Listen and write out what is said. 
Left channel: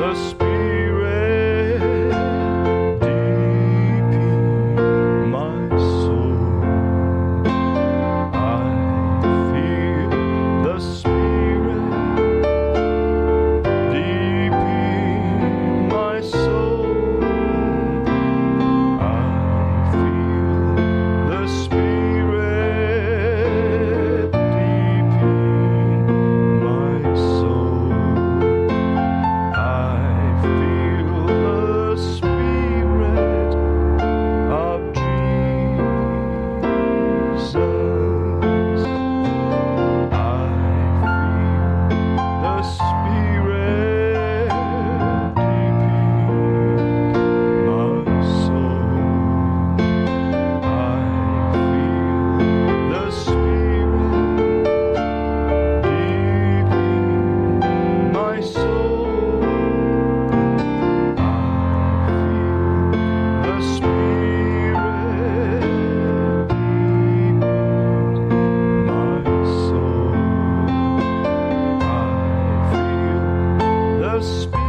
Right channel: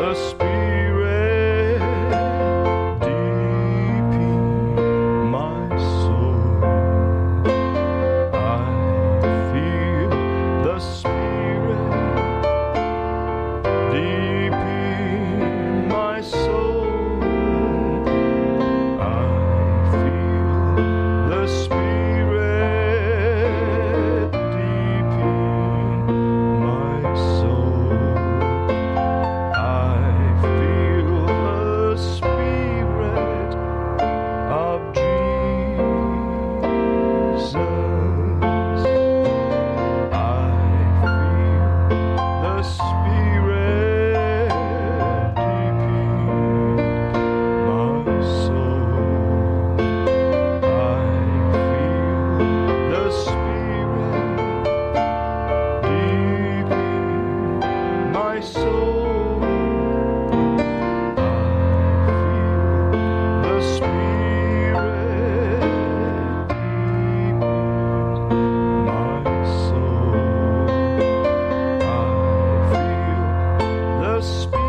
the Spirit deep in my soul. I feel the Spirit deep in my soul. I feel the Spirit deep in my soul. I feel the Spirit of Jesus. I feel the Spirit deep in my soul. I feel the Spirit deep in my soul. I feel the Spirit deep in my soul. I feel the Spirit